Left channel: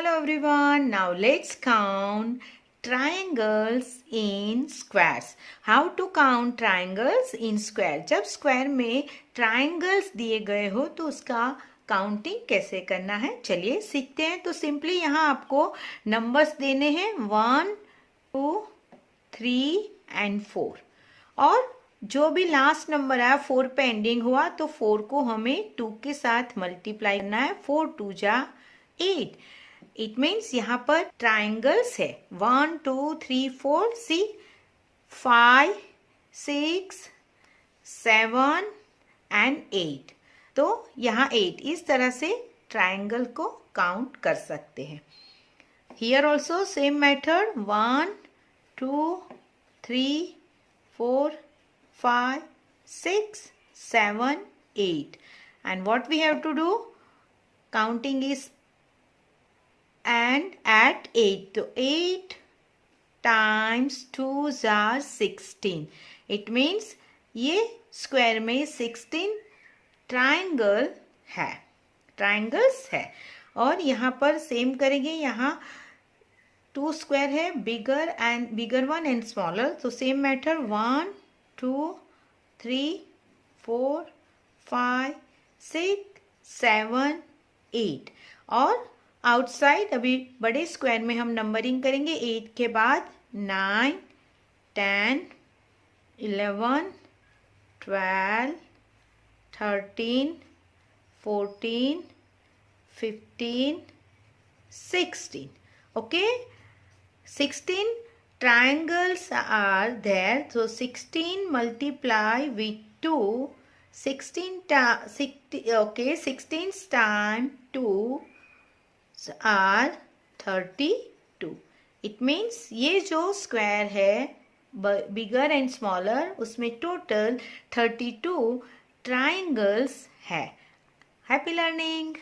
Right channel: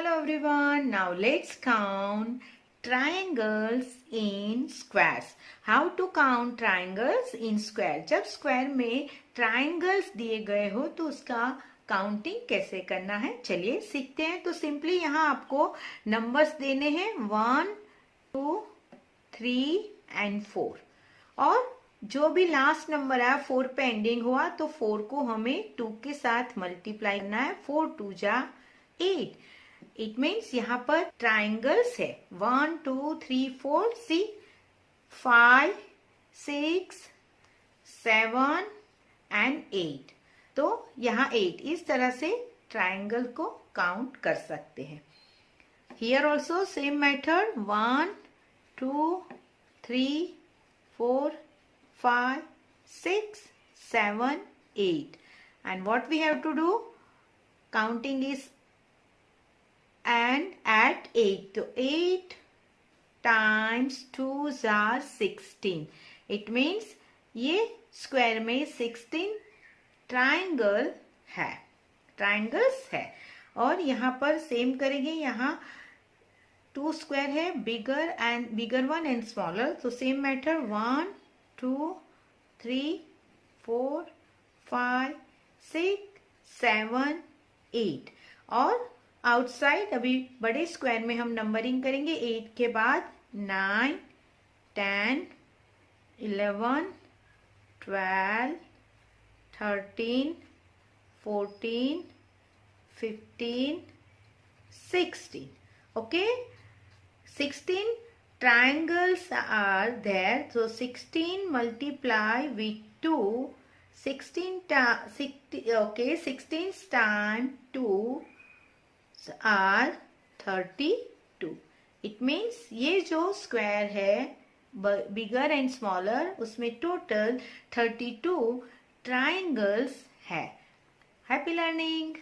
Hello everyone, now let's count triangles in squares. How to count triangles in square? जब square में triangles दिए गए हो तो उसका काउंटिंग कैसे करना है, चलिए सीखते हैं। तो सिंपली यहाँ आपको नंबर्स देने हैं 1, 2, 3 एंड 4 और जो भी लास्ट नंबर आया 4 पे एंडिंग हुआ तो 4 को हमें 2 के साथ मल्टीप्लाई करना है। 4 2 जा 8। इट मीन्स यहाँ पर ट्राइंगल्स है 1 2 3 4 सी 5 6 7 एंड 8। तो यहाँ 8 इस तरह से ट्राइंगल को काउंट कर सकते हैं। Here also same method 1 2 3 4 5 6 7 8 and what we have to do, counting is and at 8 तो 8 times 2 are 16। इट मीन्स ये स्क्वायर में 16 ट्राइंगल्स है और यहाँ पर सेम करेंगे। यहाँ 2 स्क्वायर है, बिगर वन एंड स्मॉलर। तो सेम मेथड 1 2 3 4 5 6 7 8 और आउटसाइड अभी बड़े स्क्वायर में हम नंबरिंग करेंगे 8 के बाद 9 10 11 12 13 14 15 16। okay, 16 triangles are there, so 16 multiply with 2, 16 times 2 are 32। It means ये जो स्क्वायर है बिगर एंड स्मॉलर उसमें टोटल 32 ट्राइंगल्स है। Happy learning.